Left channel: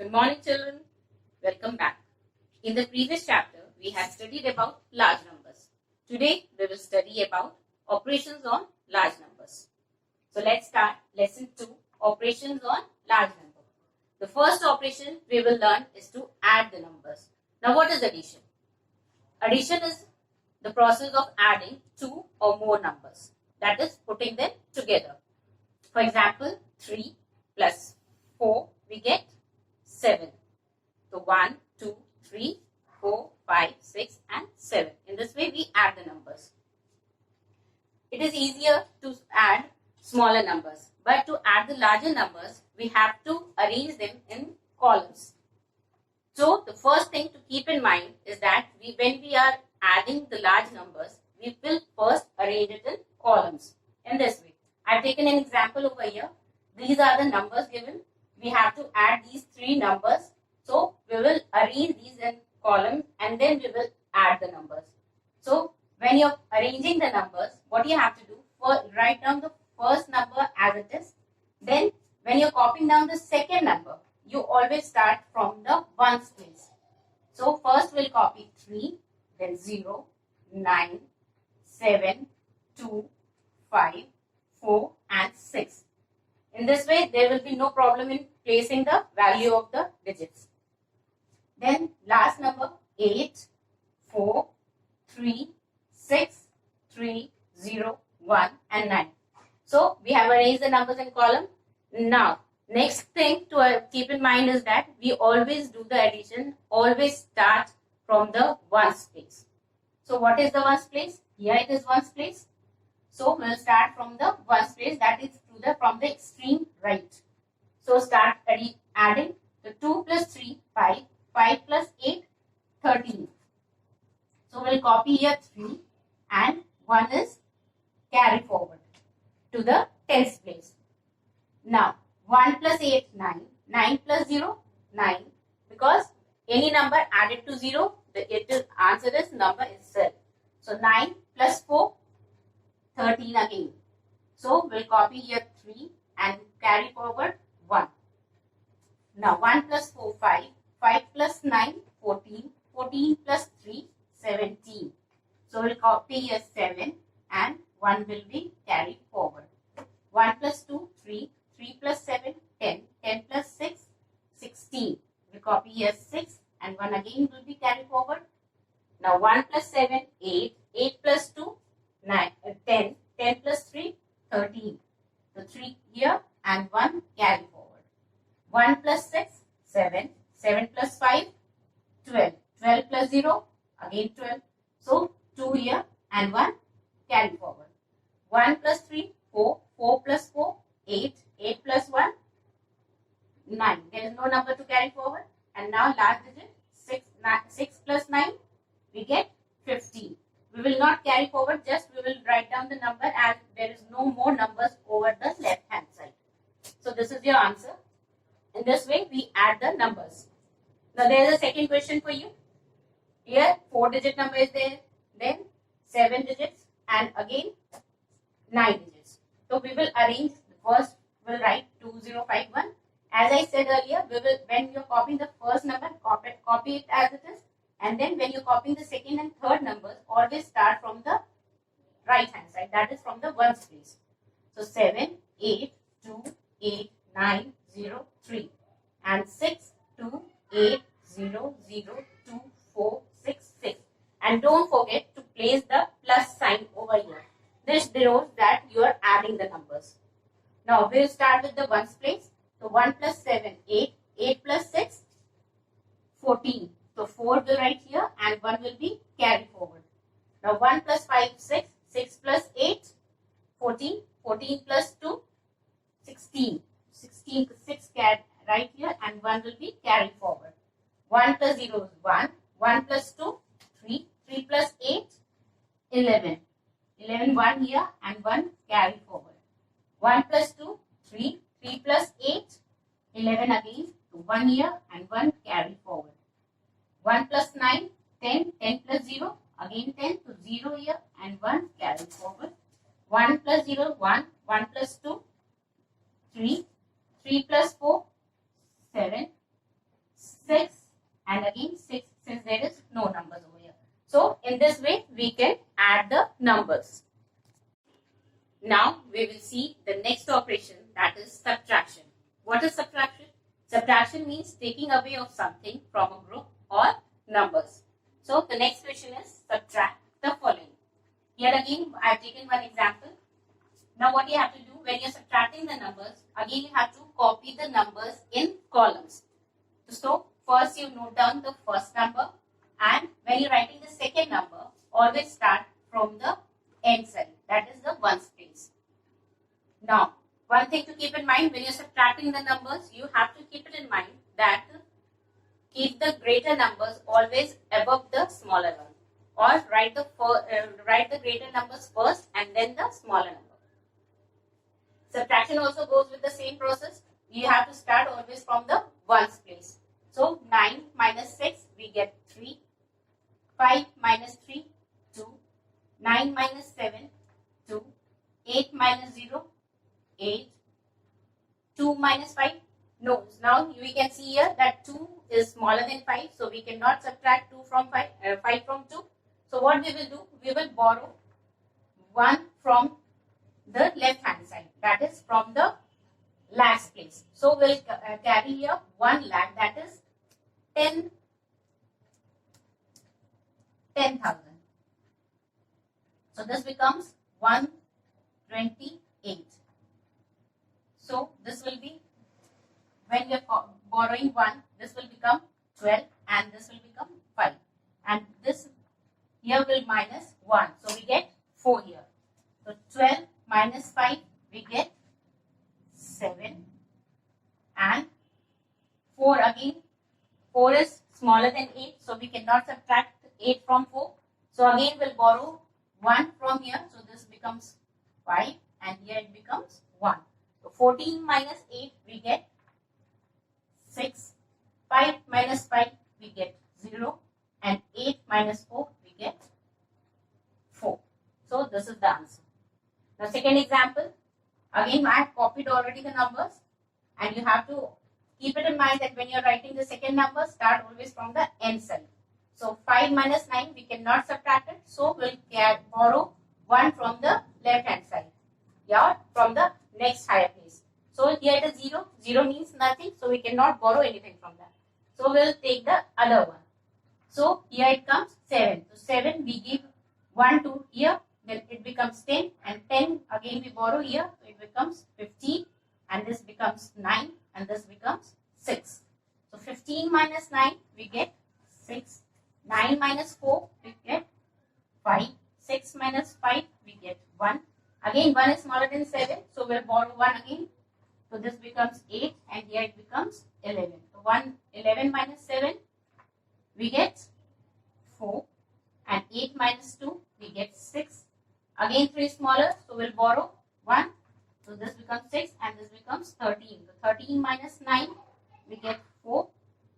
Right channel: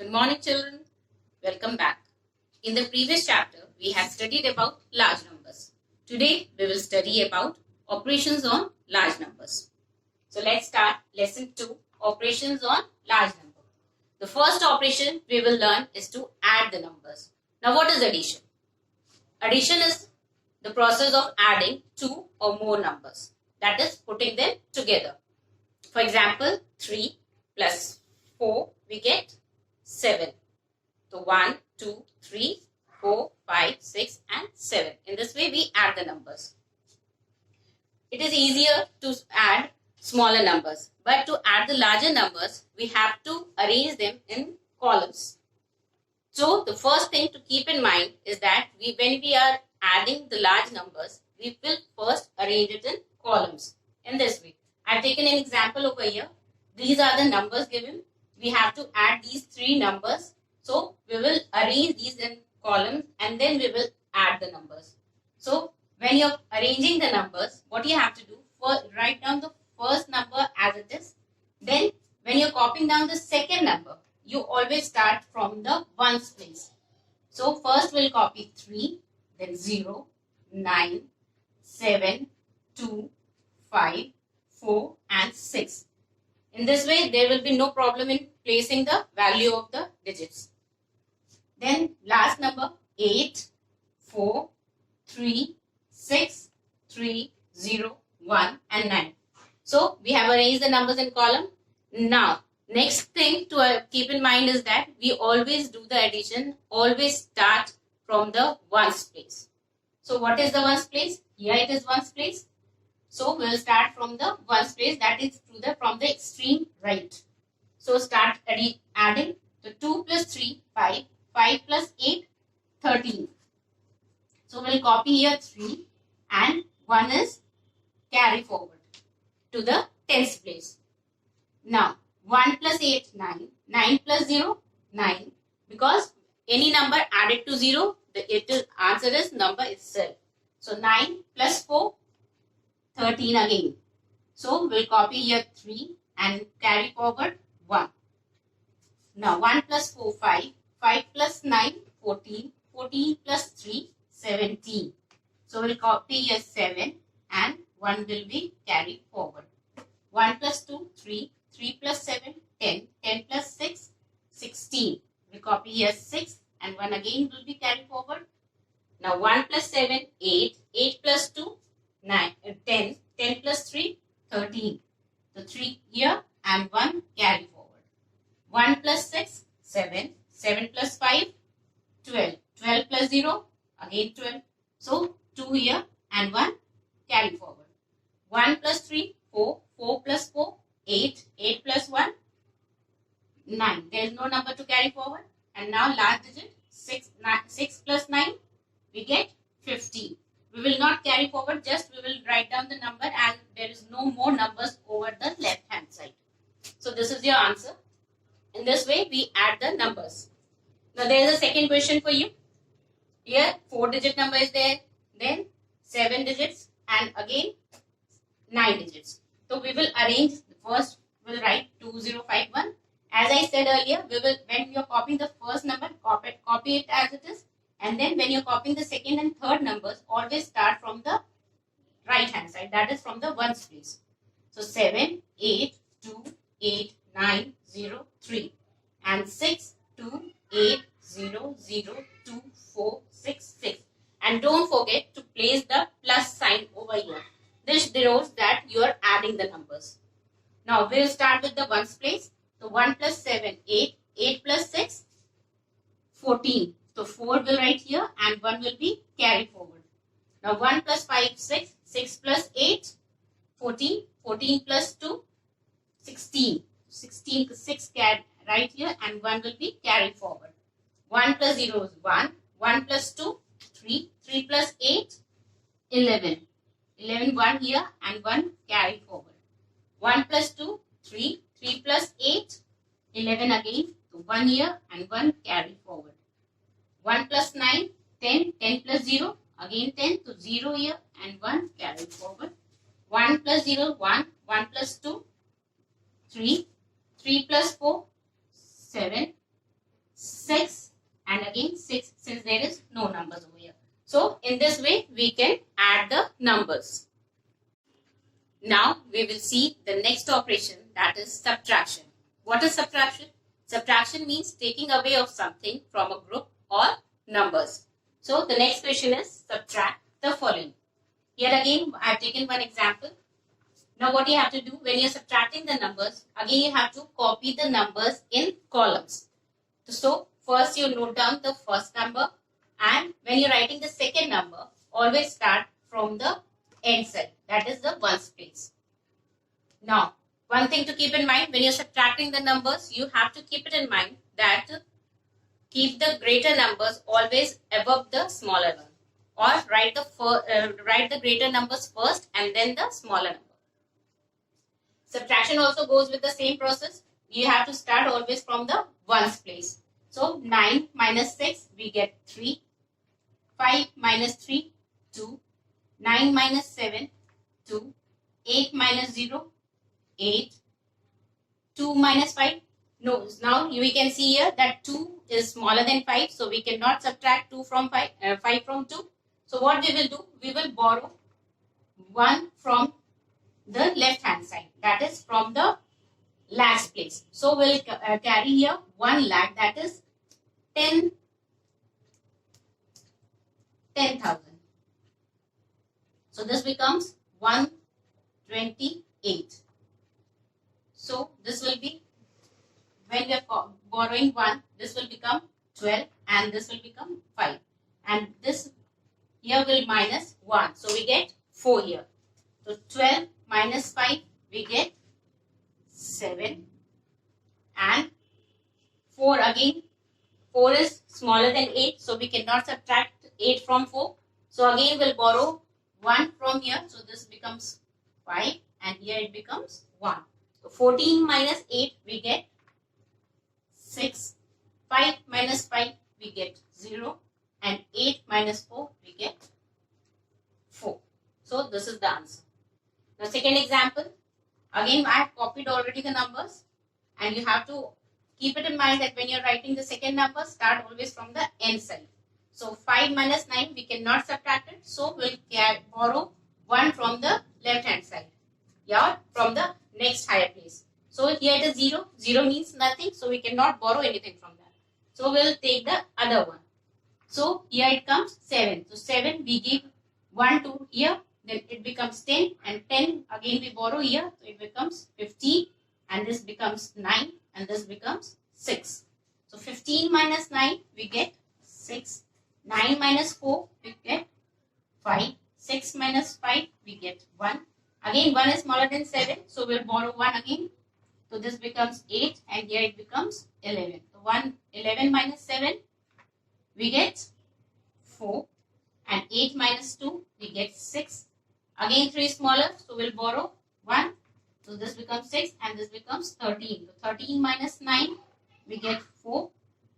Good morning, children. Welcome back. In the previous chapter, we have studied about large numbers. Today, we will study about operations on large numbers. So let's start lesson 2, operations on large number. The first operation we will learn is to add the numbers. Now, what is addition? Addition is the process of adding two or more numbers. That is putting them together. For example, 3 plus 4, we get 7. So 1, 2, 3, 4, 5, 6 and 7. In this way we add the numbers. It is easier to add smaller numbers, but to add the larger numbers we have to arrange them in columns. So the first thing to keep in mind is that when we are adding the large numbers, we will first arrange it in columns in this way. I have taken an example over here. These are the numbers given. We have to add these three numbers. So we will arrange these in columns and then we will add the numbers. So when you are arranging the numbers, what you have to do, first write down the first number as it is. Then when you are copying down the second number, you always start from the ones place. So first we'll copy 3, then 0, 9, 7, 2, 5, 4 and 6. In this way, there will be no problem in placing the value of the digits. Then last number 8, 4, 3, 6, 3, 0, 1 and 9. So we have arranged the numbers in column. Now, next thing to keep in mind is that we always do the addition, always start from the ones place. So what is the ones place? Here it is ones place. So we will start from the ones place, that is from the extreme right. So start adding. So 2 plus 3, 5. 5 plus 8, 13. So we will copy here 3 and 1 is carry forward to the tens place. Now 1 plus 8, 9. 9 plus 0, 9. Because any number added to 0, the answer is number itself. So 9 plus 4, 13 again. So we'll copy here 3 and carry forward 1. Now 1 plus 4, 5. 5 plus 9, 14. 14 plus 3, 17. So we'll copy here 7 and 1 will be carried forward. 1 plus 2, 3. 3 plus 7, 10. 10 plus 6, 16. We'll copy here 6 and 1 again will be carried forward. Now 1 plus 7, 8. 8 plus 2, 9, 10. 10 plus 3, 13. So 3 here and 1 carry forward. 1 plus 6, 7. 7 plus 5, 12. 12 plus 0, again 12. So 2 here and 1 carry forward. 1 plus 3, 4. 4 plus 4, 8. 8 plus 1, 9. There is no number to carry forward. And now last digit, 6 plus 9, we get 15. We will not carry forward, just we will write down the number as there is no more numbers over the left hand side. So this is your answer. In this way, we add the numbers. Now there is a second question for you. Here 4-digit number is there, then 7 digits and again 9 digits. So we will arrange, first we will write 2051. As I said earlier, we will, when you are copying the first number, copy it as it is. And then when you are copying the second and third numbers, always start from the right hand side, that is from the ones place. So 7, 8, 2, 8, 9, 0, 3 and 6, 2, 8, 0, 0, 2, 4, 6, 6. And don't forget to place the plus sign over here. This denotes that you are adding the numbers. Now we will start with the ones place. So 1 plus 7, 8. 8 plus 6, 14. So 4 will write here and 1 will be carried forward. Now 1 plus 5, 6. 6 plus 8, 14. 14 plus 2, 16. 16, 6 right here and 1 will be carried forward. 1 plus 0 is 1. 1 plus 2, 3. 3 plus 8, 11. 11, 1 here and 1 carried forward. 1 plus 2, 3. 3 plus 8, 11 again. So 1 here and 1 carried forward. 1 plus 9, 10. 10 plus 0, again 10. So 0 here and 1 carried forward. 1 plus 0, 1. 1 plus 2, 3. 3 plus 4, 7. In this way, we can add the numbers. Now, we will see the next operation, that is subtraction. What is subtraction? Subtraction means taking away of something from a group or numbers. So, the next question is subtract the following. Here again, I have taken one example. Now, what you have to do when you are subtracting the numbers, again you have to copy the numbers in columns. So, first you note down the first number, and when you are writing the second number, always start from the end cell, that is the ones place. Now, one thing to keep in mind, when you are subtracting the numbers, you have to keep it in mind that keep the greater numbers always above the smaller one, or write the greater numbers first and then the smaller number. Subtraction also goes with the same process. You have to start always from the ones place. So 9 minus 6, we get 3. 5 minus 3, 2. 9 minus 7, 2. 8 minus 0, 8. 2 minus 5. No, now we can see here that 2 is smaller than 5. So we cannot subtract 2 from 5 from 2. So what we will do? We will borrow 1 from the left hand side, that is from the lakhs place. So we'll carry here 1 lakh, that is 10,000. So this becomes 128. So this will be, when we are borrowing 1, this will become 12 and this will become 5. And this here will minus 1. So we get 4 here. So 12 minus 5, we get 7, and 4 again. 4 is smaller than 8, so we cannot subtract 8 from 4. So again we'll borrow 1 from here, so this becomes 5, and here it becomes 1. So 14 minus 8, we get 6. 5 minus 5, we get 0, and 8 minus 4, we get 4. So this is the answer. Now, second example, again I have copied already the numbers, and you have to keep it in mind that when you are writing the second number, start always from the end side. So 5 minus 9, we cannot subtract it, so we'll borrow 1 from the left hand side, yeah, from the next higher place. So here it is 0, 0 means nothing, so we cannot borrow anything from that. So we'll take the other one. So here it comes 7. So 7 we give 1 to here, then it becomes 10, and 10 again we borrow here, so it becomes 15, and this becomes 9, and this becomes 6. So 15 minus 9, we get 6. 9 minus 4, we get 5. 6 minus 5, we get 1. Again 1 is smaller than 7, so we'll borrow 1 again. So this becomes 8, and here it becomes 11. So 11 minus 7, we get 4, and 8 minus 2, we get 6. Again 3 is smaller, so we'll borrow 1. So this becomes 6, and this becomes 13. So 13 minus 9, we get 4,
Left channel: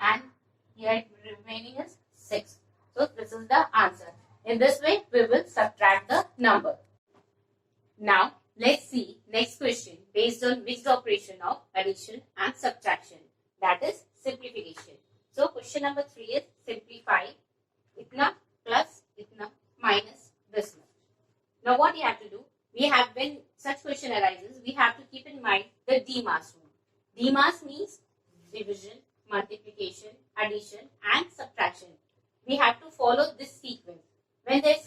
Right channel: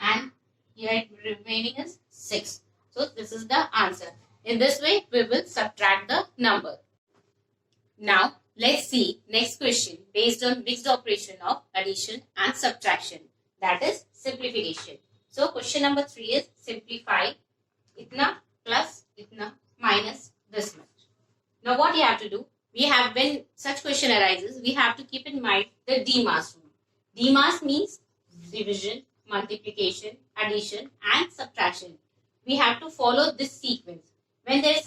and here remaining is 6. So this is the answer. In this way, we will subtract the number. Now, let's see next question based on mixed operation of addition and subtraction, that is simplification. So question number 3 is simplify itna plus itna minus this much. Now what you have to do, when such question arises, we have to keep in mind the DMAS rule. DMAS means division, multiplication, addition and subtraction. We have to follow this sequence. When there is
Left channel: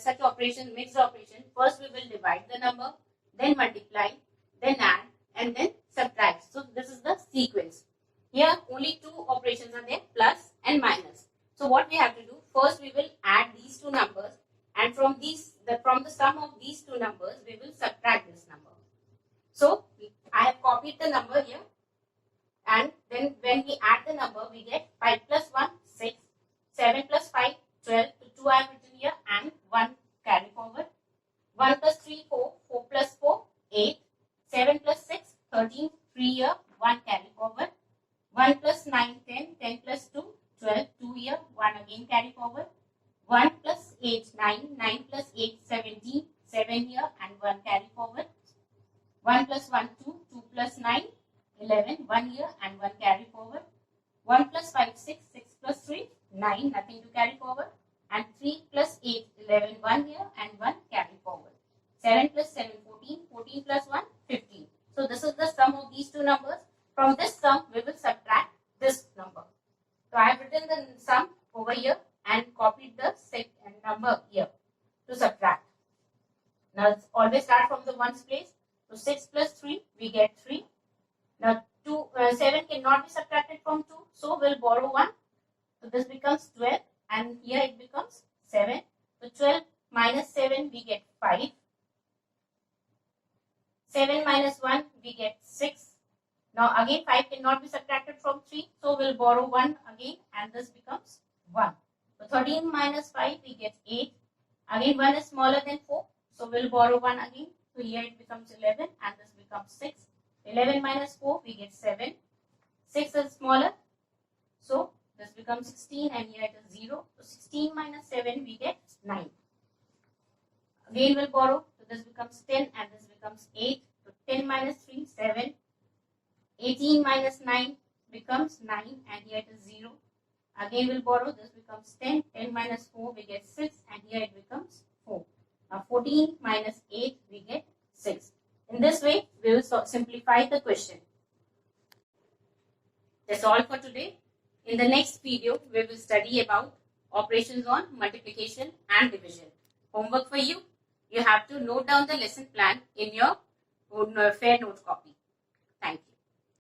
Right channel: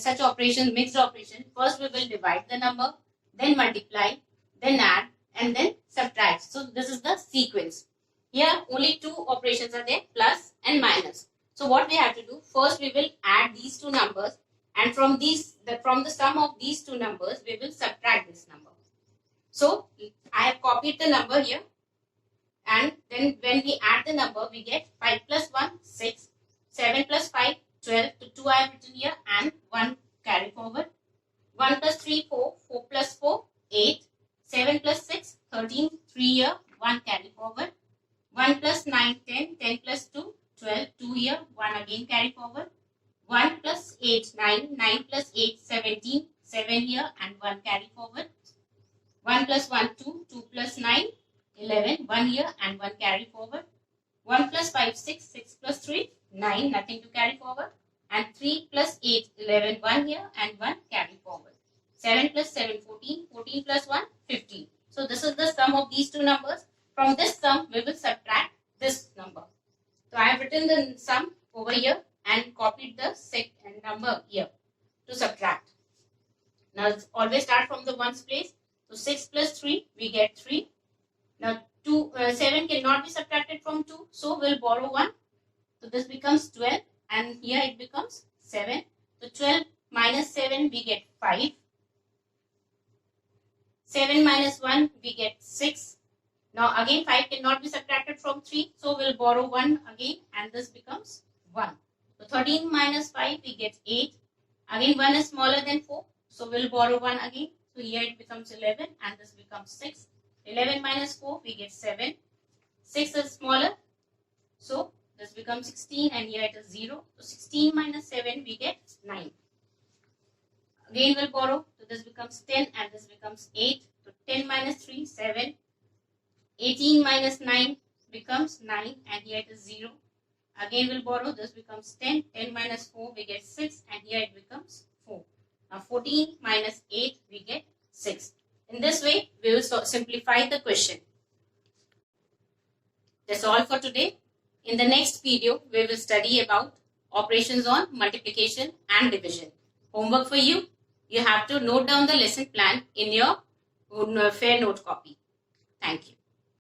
such operation, mixed operation, first we will divide the number, then multiply, then add, and then subtract. So this is the sequence. Here only 2 operations are there, plus and minus. So what we have to do, first we will add these 2 numbers, and from the sum of these 2 numbers, we will subtract this number. So I have copied the number here, and then when we add the number, we get 5 plus 1, 6, 7 plus 5, 12, to 2 I have written here, and 1 carry forward. 1 plus 3, 4, 4 plus 4, 8, 7 plus 6, 13, 3 here, 1 carry forward. 1 plus 9, 10, 10 plus 2, 12, 2 here, 1 again carry forward. 1 plus 8, 9, 9 plus 8, 17, 7 here, and 1 carry forward. 1 plus 1, 2, 2 plus 9, 11, 1 here, and 1 carry forward. 1 plus 5, 6, 6 plus 3, 9, nothing to carry forward. and 3 plus 8, 11, 1 here and 1 carry forward. 7 plus 7, 14, 14 plus 1, 15. So this is the sum of these two numbers. From this sum, we will subtract this number. So I have written the sum over here and copied the number here to subtract. Now let's always start from the ones place. So 6 plus 3, we get 3. Now 7 cannot be subtracted from 2, so we'll borrow 1. So this becomes 12 and here it becomes 7. So 12 minus 7, we get 5. 7 minus 1, we get 6. Now again 5 cannot be subtracted from 3, so we'll borrow 1 again and this becomes 1. So 13 minus 5, we get 8. Again 1 is smaller than 4, so we'll borrow 1 again. So here it becomes 11 and this becomes 6. 11 minus 4, we get 7. 6 is smaller, so this becomes 16 and here it is 0. So 16 minus 7, we get 9. Again we'll borrow, so this becomes 10 and this becomes 8. So 10 minus 3, 7. 18 minus 9 becomes 9 and here it is 0. Again we'll borrow, this becomes 10. 10 minus 4, we get 6 and here it becomes 4. Now 14 minus 8, we get 6. In this way, we will simplify the question. That's all for today. In the next video, we will study about operations on multiplication and division. Homework for you. You have to note down the lesson plan in your fair note copy. Thank you.